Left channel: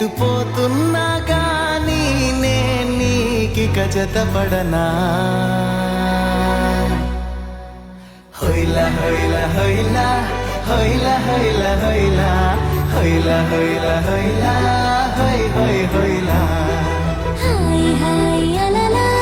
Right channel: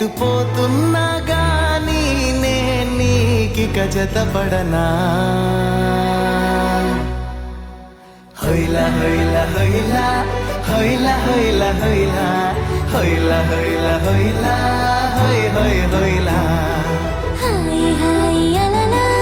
ఎటు పోతున్నా గాని నే నీకిక జతపడనా హొయ్లా హొయ్లా హొయ్లా హొయ్లా హొయ్లా హొయ్లా హొయ్లా హొయ్లా హొయ్లా హొయ్ హొయ్ హొయ్లా హాయ్ హాయ్ అలలా